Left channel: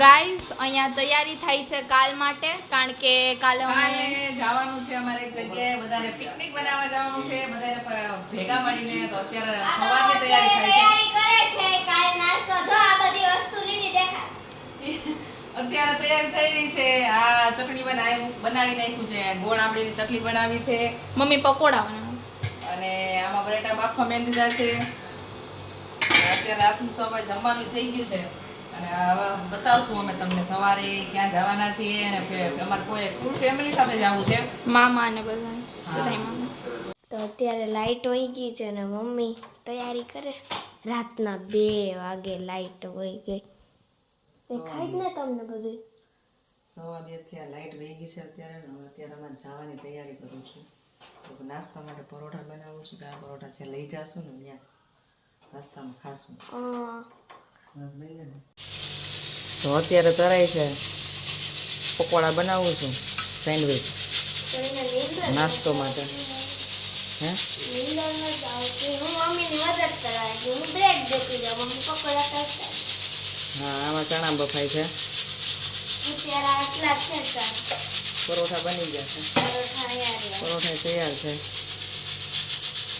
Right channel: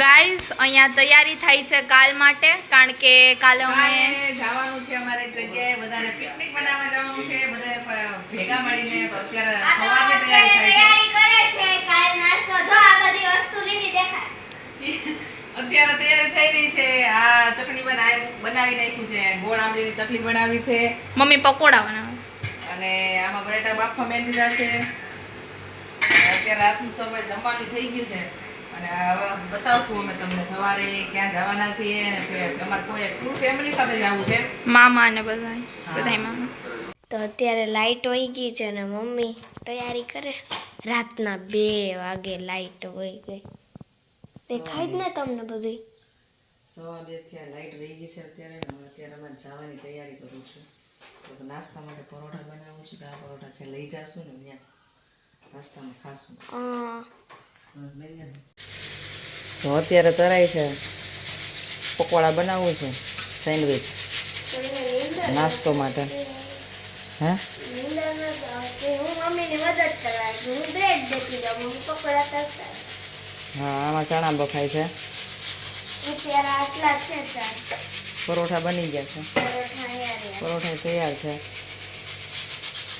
Guys અહીંયા તૈયારી થાય છે કાલ માટે કારણ કે કાલે અમે જવાનું છે અમારે એક જગ્યાએ બધાને પિકનિક બનાવવા જવાનું છે બધાને ભેગા મળીને તો અત્યારે સવારે તૈયારી થાય છે. તૈયારી કરે છે કાલ નાસ્તો. જો આ બધી વસ્તુ લીધી દેખાય. અત્યારે તૈયારી થઈ રહી છે આ ચટણી બનાવી બનાવી નાખ્યું છે ગોળ આંબલીની ચટણી બનાવી છે. મમ્મી પકોડા બનાવે. અને આમાં બટેટા બાફા મેં દીધા છે. અત્યારે રાતનું સમય જમવાનું થઈ ગયું છે. અને બતાવશું અમે તમને સવારે ક્યાં જવાના છીએ અને અમારે કોઈ ફૂલ ફેમિલી સાથે જવું છે. મામા અને બધા બધા મામા. તો અત્યારે લાઇટ વહી ગઈ છે ને મમ્મી તૈયારી કરે. રાતના બે વાગે લાઈટ વહી ગઈ. દેખાય જ ને તમને બધી સવા બે થયા લાઈટ વહી ગઈ છે અત્યારે ને હવે અત્યારે અમારે જવાની તૈયારી કરું છું. તો નાસ્તા માટે પરોઠા બનાવું છું ચા પરોઠા છે લઈ જાશું ને ત્યાં. નાસ્તામાં ખાશું. તો અત્યારે તરાય છે. પકોડા બનાવું છું સેન્ડવિચ. નાસ્તો માટે. હે? હું આમાં ચણા બફાય છે. પરોઠા બની ગયા છે. પરોઠા તૈયાર છે.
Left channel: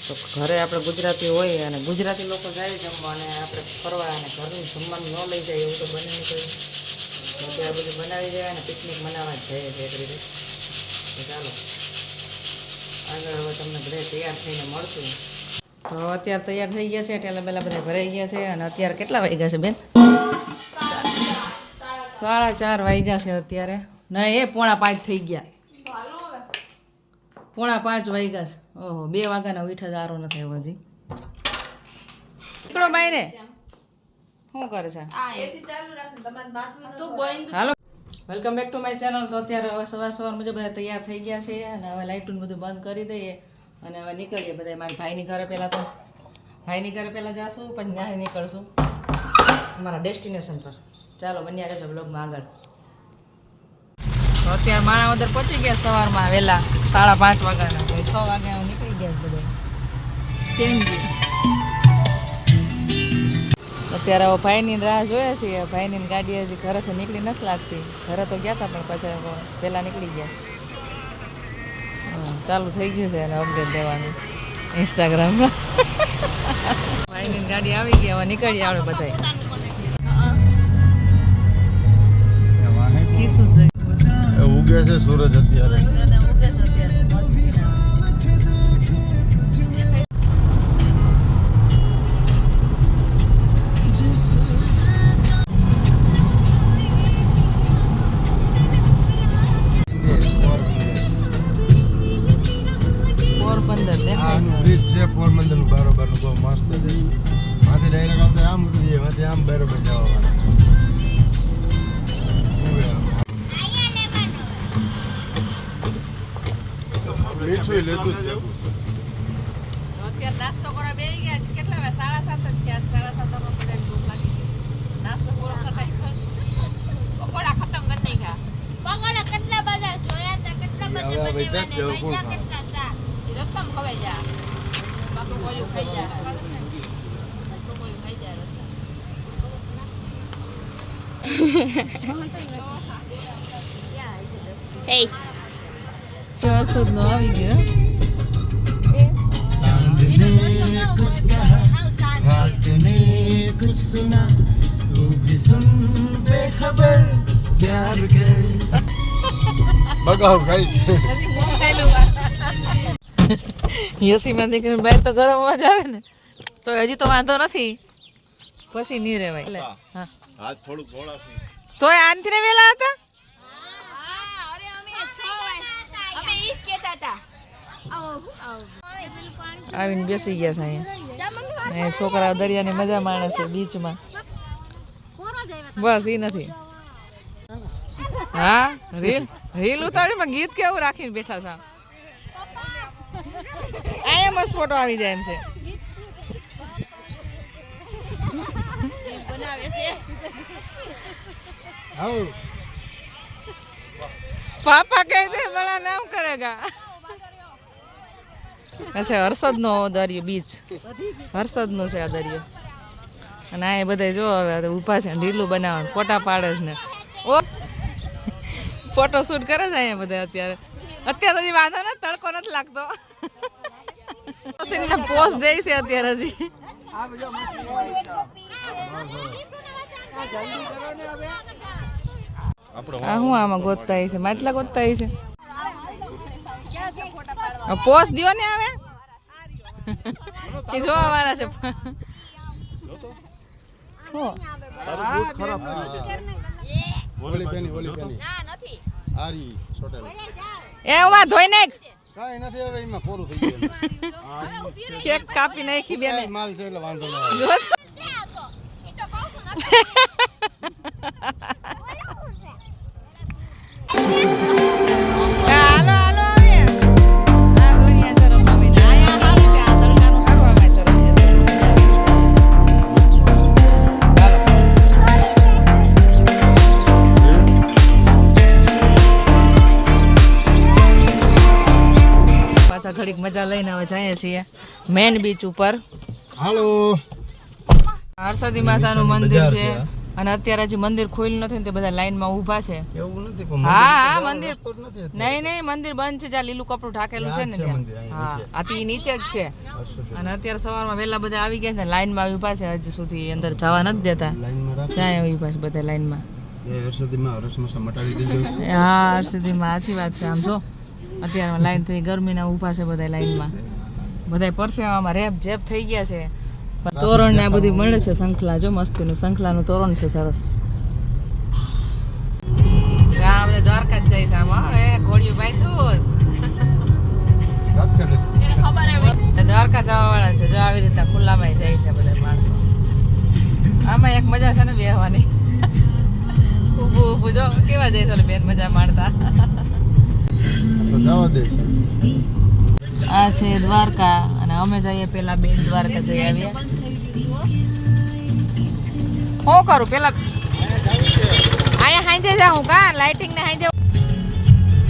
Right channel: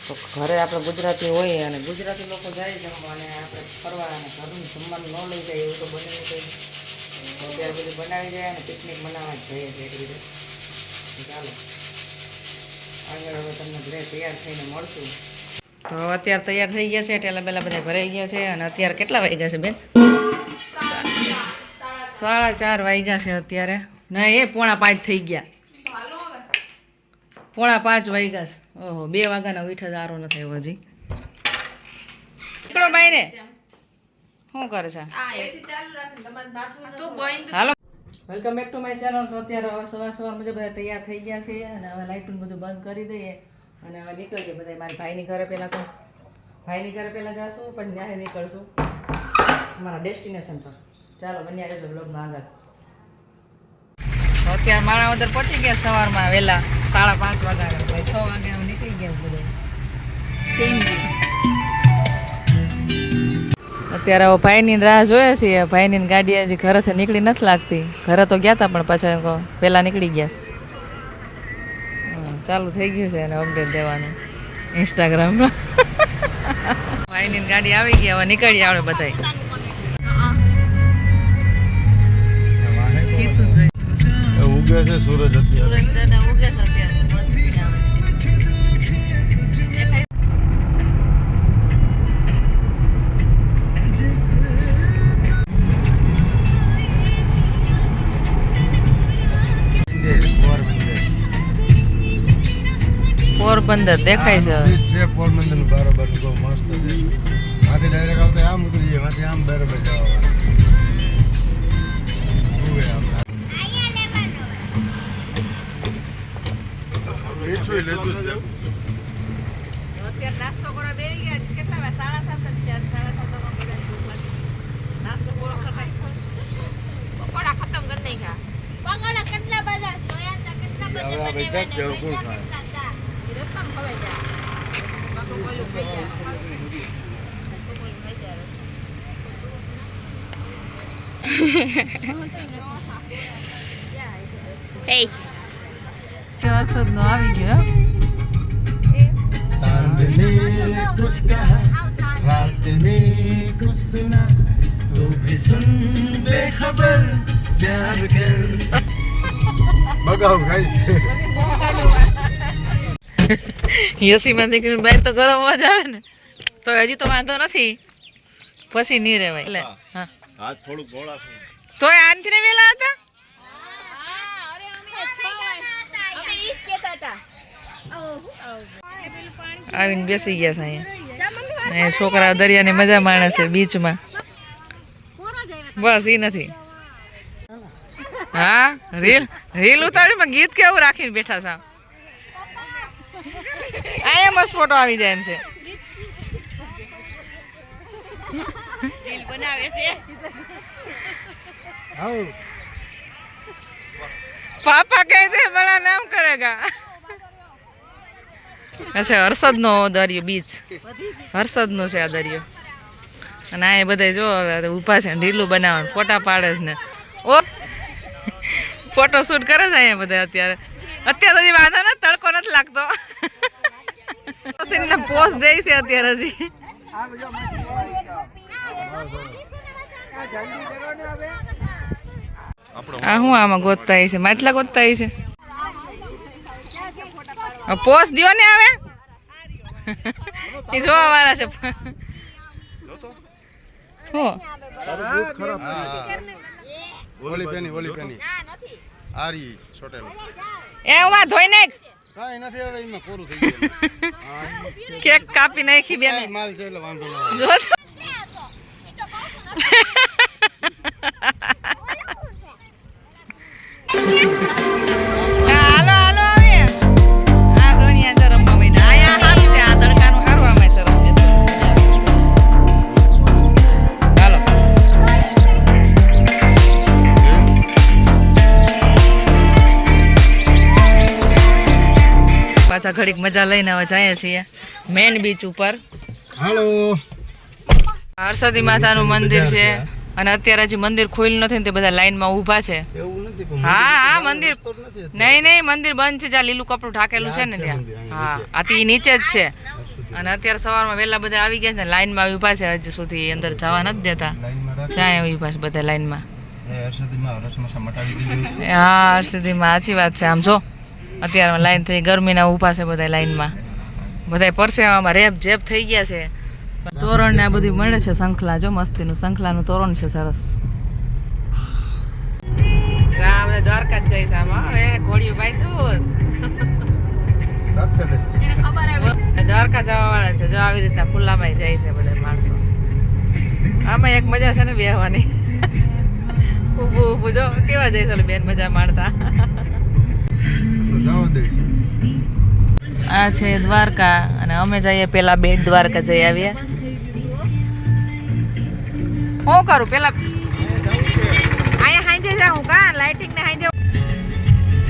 તો ઘરે આપણે ગુજરાતી હોય અને ગુજરાતી લોકો જાય જમવા અને આપણે ફરવા અને ઘરનું જમવાનું ન લઈ જાય એવું તો બને નહીં તો અત્યારે બધું બનાવી જાય અને પિકનિક મનાવવા જ જઈએ છીએ એક રીતે. ચાલો. આગળ હવે તમને ઘરે તૈયાર થઈને મળશું. તો અત્યારે તૈયાર થઈ ગયા છે, ટેલા પહેલાં બધા ભરાઈ ગયા છે અને અત્યારે કેટલા વાગ્યા છે બેન? સાડા ચાર વાગ્યા છે અત્યારે. ના એ પોણા પાંચ થઈ ગયા. પોણા પાંચ વાગ્યા છે. ઓહો બે વાગ્યાના ઉઠા સારો નથી આવ્યો હજી. નીકળો બાય રે શું કરે છે? હાલો. Welcome back to my channel તો અત્યારે હવે સવાર સવાર મુજબ બધા તૈયાર થઈ ગયા છે અને હવે લાઇટનું બધું બંધ કરી દઈએ અને હવે નીકળીએ બધા મારી ભાઈની ઘરે પહેલાં તો ભાઈની ઘરે પહેલાં જાશું પછી ત્યાં નીકળશું. અમારા ડેસ્ટિનેશન પર. ચાલો બન્યા રહેજો બ્લોગમાં આગળ. અત્યારે મારા અંદર પહોંચી ગયા સવારમાં વહેલા, સાડા પાંચ વાગ્યાના. એટલે છ વાગે અમે નીકળી ગયા બધા. અત્યારે હવે ભાઈની રાહ જોઈએ છીએ. ભાઈની ગાડી હજી ઘરેથી નીકળી નથી લાગતી. ઘરે તો ગયા હતા પણ પાછા પહેલાં નીકળી ગયા. ચાલુ થઈ ગયું છે એને અપડેટ દેવાનું ઇન્સ્ટાગ્રામમાં ભાઈની ગાડી આવી ગઈ, હવે નીકળી આવે બધાય. છે સૂરજ અત્યારે. દાદા ઉગે છે અત્યારે. મસ્ત આવે પોરબંદર દેખાય છે. જે છે પોરબંદરનું બરોબર લેતું અત્યારે નાસ્તો કરવા બેસી ગયા કેટલા વાગે? સાડા સાત જ થયા. સાડા સાતમાં બધાને ભૂખ લાગી નાસ્તો પૂરો પકોડા ખતમ કરી નાખ્યા. પકોડા કેટલા બધા જોયા હતા? કેટલા બધા જ ખાય? કેટલા હતા? એ ખવાઈ જાય. બાપુ કોયું ખાઈ જાય. બાપુ કોયું ખાઈ જાય એ વરસાદ નો આવી ગયો चांदनी कुछ कहा रात ने कुछ सुना तू भी सुन बेखबर प्यार कर બગાવ ગાઈ યસીમાં દીકરી બહાર તો ગરમ અવાજ આવે ને તો હજી તો વાંધો નથી પછી નહીં રહેવાય એટલે હા હાથ થોડુંક ગોળા તોય આનથી ને વેલા હતા આવીને બેસી ગયા છે અહીંયા. અહીંયા છોકરા દરિયાની મજા માણે છે બીચમાં. બસ એ નથી. હા? રીલ રીલ ઉતારીમાં ગીત કેવું રાખીને બેઠા છે અહીંયા મસ્ત ફોટો આવી જાય એમ છે. આવ પાપા કહે દે બડા નામ કરેગા. અચ્છા હર્ષદનો દરિયો બીચ. હર્ષદનો છે આ દરિયો. અને આ એ બધા જો હવે ઊભા છે ઢીલું બનાવવાનું ફોટા પાડે છે ને. ઓ! ફોટોશૂટ કરે છે અહીંયા બધા અત્યારે. અત્યારે હજી વાંધો ને તડકો નથી લાગતો. ને પોસ્ટ દે છે અત્યારે હજી. આ હું આમાં ગોતતા છે? માટલા ગોતતા છે? પોસ દો ને હવે. એ જોવા વાળા છે. હું? ઓલી પેની ઓલી પેની આરી ચોટેલ એ ઉમાં ધોઈ નાખ. કાંઈ નથી હવે એમાં પૂરું થઈ ગયું. કેક કાપી નાખી બેન. માલ છે એટલે વાંધો જો પાછા ઘડીક મજા લઈને હવે જઈએ છીએ મેન બીચ ઉપર. હાલો. હરસદી માતાનું મંદિર છે. અને અત્યારે હજી મંદિર ખુલ્યું નથી ને તે બધા લાઈનમાં ઊભા છે. હા હા મંદિર. નહીં નહીં મંદિર બંધ છે જ્યાં લીલું કપડું ઢાકેલું છે ને ત્યાં. હા નીચે. આ તો નીચે જ છે. અને અત્યારે સવારમાં વહેલા બધા આવી ગયા છે લાઈનમાં ઊભા છે હજી સુધી અંદર જવા નથી દેતા. લાઈનમાં રાખ. પાસે બધા લાઈનમાં. હા હર્ષદીમાં સાચી વાત છે આમ જો. અત્યારે લાઈન થઈ, ગરમીના ઊભા છે બધા લાઈનમાં બધા પરસેવામાં રેપ જેપ થઈ ગયા છે. તોરણ ને આ બધું મળે છે શંખલા જો મસ્તીનું શંખલાનું તોરણ છે સરસ. આ બધા દ્વારકા જ છે આમાં એ ઘોડિયું ભાઈ જોશ દ્વારકા જવા છે, જો આવી રીતના ખુલ્લામાં જાય છે બધા માણસો. આમાં એક મજા છે ને બેહવાની. ઊભું ઊભું, જો, કેવા છે બેન મજા માણતા. આ છે દ્વારકા અને અમે જઈએ પેલા બેટ દ્વારકા જઈ આવીએ. હું કરું? પેલા અહીંયા હાંજે જાઉં કા? લાઇટિંગ ને હાંજે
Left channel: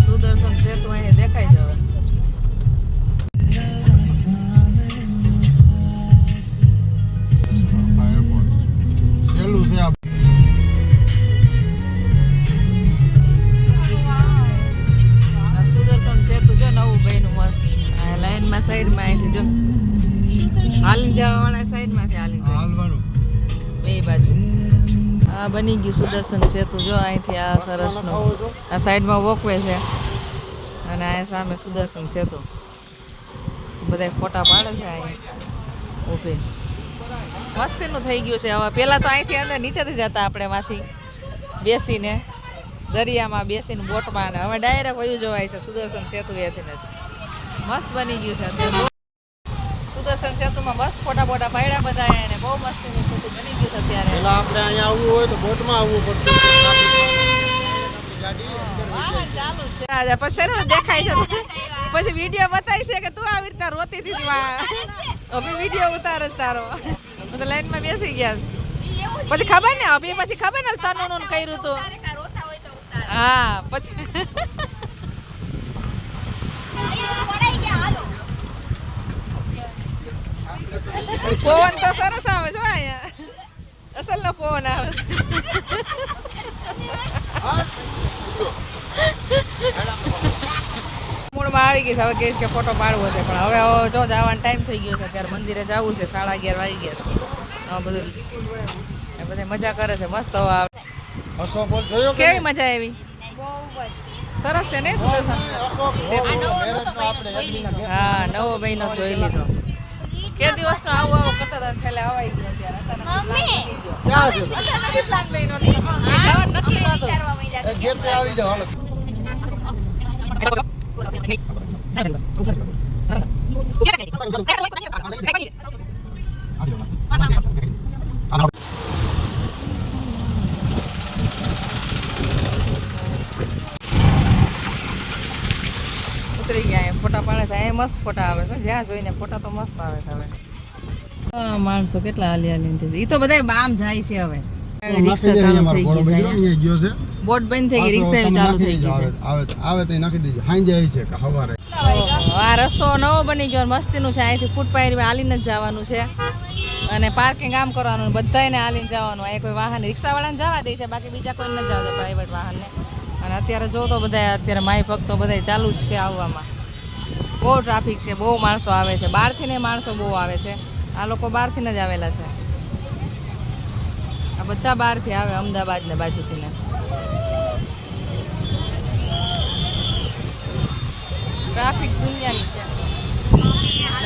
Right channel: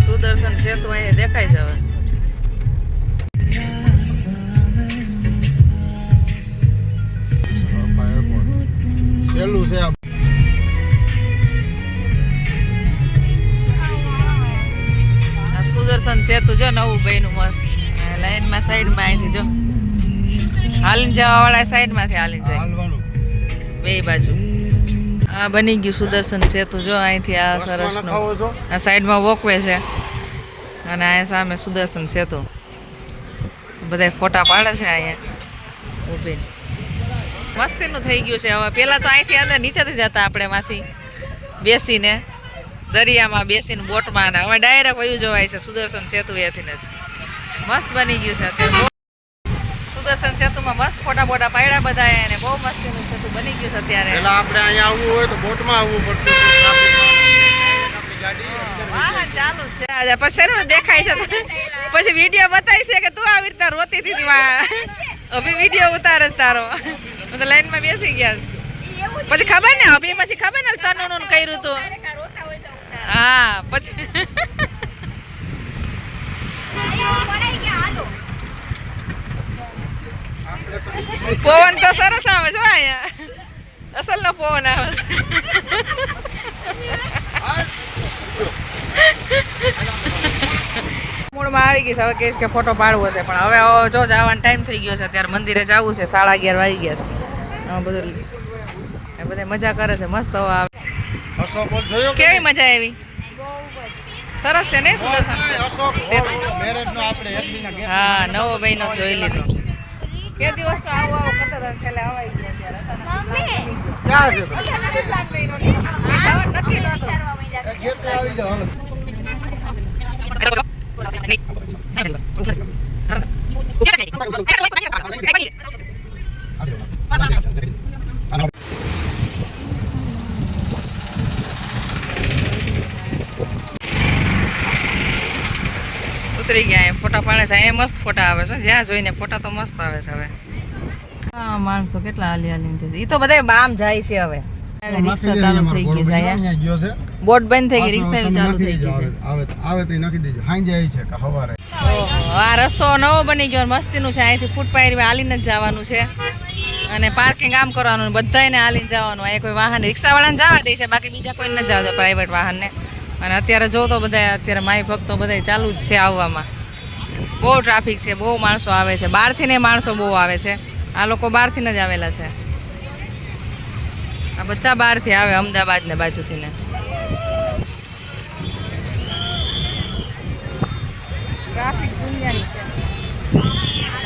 સુદર્શન સેતુ અહીંયા દેખાય છે હવે. સેતુ જો નવું બહેનું મસ્ત. લાઈનમાં સાઈડમાં અહીંથી જો. હાલીને જવા વાળા સાઈડમાંથી હાલીને જાય. બે બાજુ. આ બની ગયું સુદર્શન સેતુ. જો અહીંથી આ સરસનું ખાવો છો? આ સાઈડમાં વોકવે છે. અને આ સામે સુદર્શન સેતુ. બધા ફોટા પાડે છે અહીંયા. ઊભી. મસ્તીનું થઈ ગયું છે હવે. પહેલાં તો અહીંથી અંદર નીચેથી જતા આપણે માંથી. બેસીને. દરિયામાં બેસીને બોટમાં અને હવે ડાયરેક્ટ વયું જવાય છે સુદર્શન સેતુ એથી જ. મસ્ત બની ગયું છે અત્યારે સુદર્શન સેતુમાં મસ્ત ફોટા ફોટા પાડ્યા બધા અને બહુ મસ્તીનું સેતુ બની ગયું છે અત્યારે. પેલા આપણે અહીંયા આવવું હોય તો બોટમાં આવવું પડતું વાહન ચાલુ છે. આજે પછી દેખાય છે? પછી વીડિયો બતાવી છે કે તું આવી રીતના રોતી હતી વા અભી વીડિયો ઉતારે જ તારો. તો લાઈનમાં બેસી ગયા. પછી ખબર ને અભી પછી ખબર ને તનું કર્યું તું. હા, પછી. પવન તો સરસ આવે છે અહીંયા. અસલ નો પવન આવે છે. મૂળમાં આવી ગઈ છે, હવે કહીશ કે ફોટો પાડવો છે, પણ હવે જો જવાનો ટાઈમ થઈ ગયો છે ત્યારે મંદિરે જવું છે, સાડા અગિયાર વાગી ગયા છે. બધું બધા મજા કરે છે, મસ્ત હવા અશોક હોલ જોયો કેવી મજા આવી? સરસ છે ને સુદર્શન સેતુ. હા નવો મહિનો જોઈ લીધો. કે દિવસનો આવો આવો કરતા હતા ને છેલ્લે આવાઈ ગયો ત્યારે. અચાનક પ્લાન બની ગયો. ક્યાં છે? અચાનક પ્લાન બન્યો નહીં. જવા નથી. એ ગેટ પે આવી જાવ હાલો. ઉતરી ગયા ફોટા પાડે છે. અહીંયા મસ્ત ફોટા આવે છે. જ્યાં જોઈને ફોટા તો મસ્ત આવે છે હવે. હા માણસો કેટલા હાલી હાલી એ તો બધા આમ જાય છે હવે. રિક્ષા ચાલુ થઈ ગઈ છે અહીંયા. અહીંયા બોટ બંધ થઈ ગઈ રિક્ષા ચાલુ થઈ ગઈ છે. આવે આવે તો નાખી દેજો. હાઈ જાય છે કે હવારે આ રસ્તો નવો બની ગયો મસ્તીનું છે. અહીંથી ફૂટ પાયરી હાલીને જ જવાનું છે. અને પાર્કિંગ આમ કરવાનું ને બધાયને હાલીને જવાનું. આ કોઈ વાહન રિક્ષાવાળાને જવા દે છે બાકી બીજા કોઈને ન જવા દે પ્રાઇવેટ વાહનને. અને અત્યારે જો તો બધા અત્યારે માય ભક્તો બધા ચાલુ જ છે આવવામાં. બહુ ટ્રાફિક છે, બહુ માણસો આવે છે. બહારથી ને માણસો બહુ આવે છે. આ લોકો બહારથી જ આવેલા છે. આ બધા બહારથી આવે અમદાવાદ ને બાજુથી ને ટ્રાફિક દુનિયાની છે.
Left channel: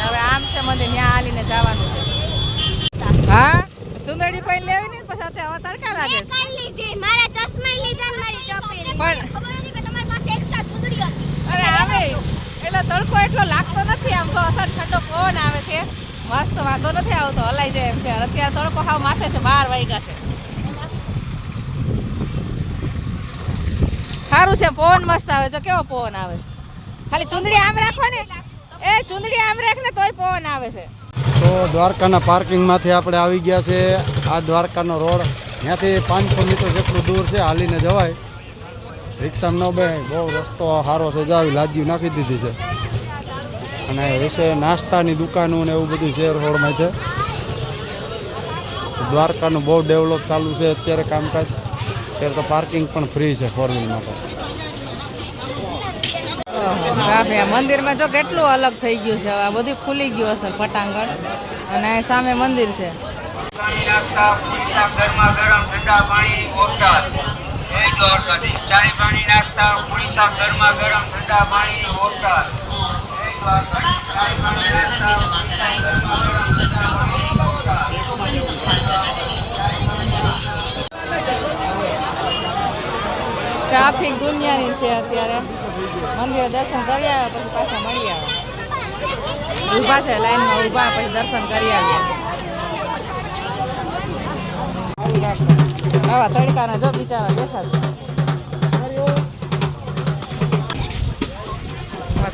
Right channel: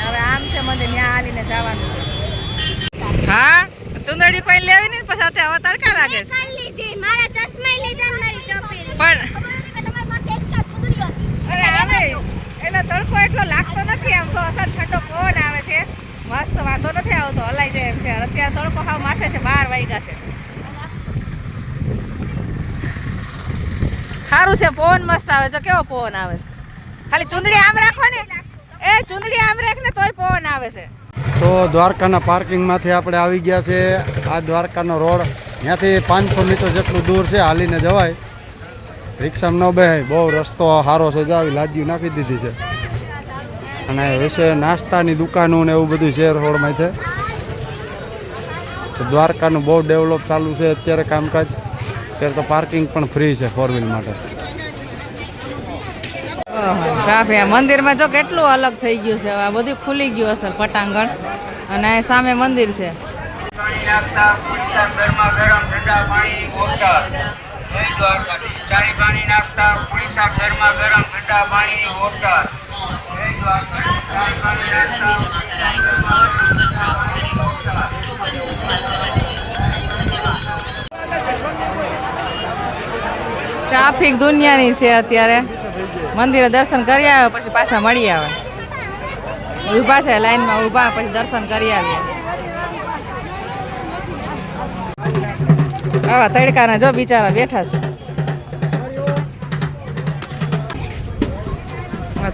હવે આમ છે મંદિર ત્યાં હાલીને જવાનું છે. હા? ચુંદડી કોઈ લેવી ને પછી હવે તડકા લાગે છે મારા ચશ્મા લીધા મારી ટોપી પણ તમારી પાસે એક્સ્ટ્રા ચૂંદડી અરે આવે એટલે તડકો એટલો લાગતો નથી આમ તો અસર ઠંડો પવન આવે છે. મસ્ત વાંધો નથી આવતો, હલાઈ જાય એમ છે. અત્યારે તડકો હાવ માથે છે, બાર વાગ્યા છે. સારું છે, પવન મસ્ત આવે છે. કેવો પવન આવે છે? ખાલી ચુંદડી આમ રાખો ને. એ ચુંદડી આમ રાખ ને તોય પવન આવે છે. તો દ્વારકાના પાર્કિંગમાંથી આપણે આવી ગયા છે. આ દ્વારકાનો રોડ, ત્યાંથી પાંચસો મીટર જેટલું દૂર છે, હાલીને જવાય. રિક્ષામાં ન બે બહુ રસ્તો સારો આવી લાદીઓ નાખી દીધી છે. અને વિશે નાસ્તાની દુકાનો ને એવું બધું શેર રોડમાં છે. દ્વારકાનું બહુ ડેવલપ ચાલુ છે અત્યારે કામકાજ. અત્યારે તો પાર્કિંગ પણ ફ્રી છે ફોર વ્હીલ માટે. મંદિરમાં જો કેટલું અલગ થઈ ગયું છે હવે આ બધું ખુલી ગયું હશે પટાંગણ. અને અહીં સામે મંદિર છે. પાણી ટ્રાફિક દુનિયાની છે અત્યારે. મંદિરે દર્શન કરી આવે પછી પાછા મળી આવે ઊભા છે, લાઈનમાં ઊભા, પછી દર્શન કરી આવીએ આવા તડકાના જો બિચારા બેઠા છે.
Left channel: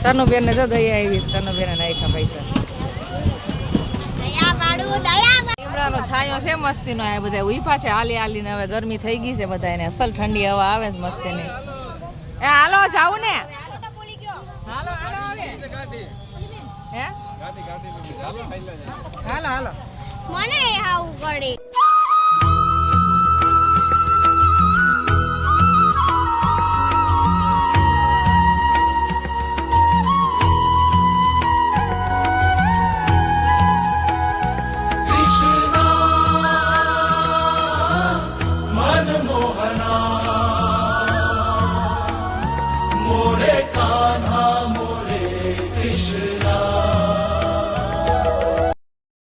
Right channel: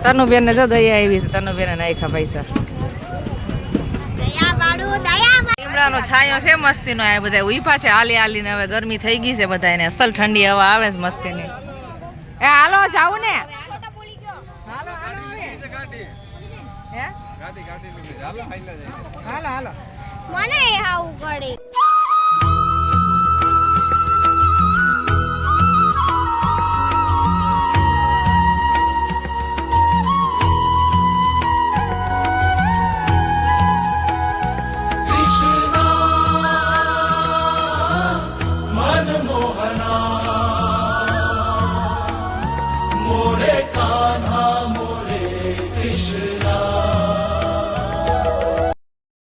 તનુબેન ને જો દયા આવી છે તનુબેન નાખ્યા પૈસા. લીમડાનો છાંયો છે મસ્તીનો આ બધા ઊભા છે હાલી હાલીને હવે ગરમી થઈ ગઈ છે બધા એને અસલ ઠંડી હવા આવે છે મસ્તીની. એ હાલો જાવું ને. હાલો હાલો હવે. હે? હાલો હાલો. મને આવું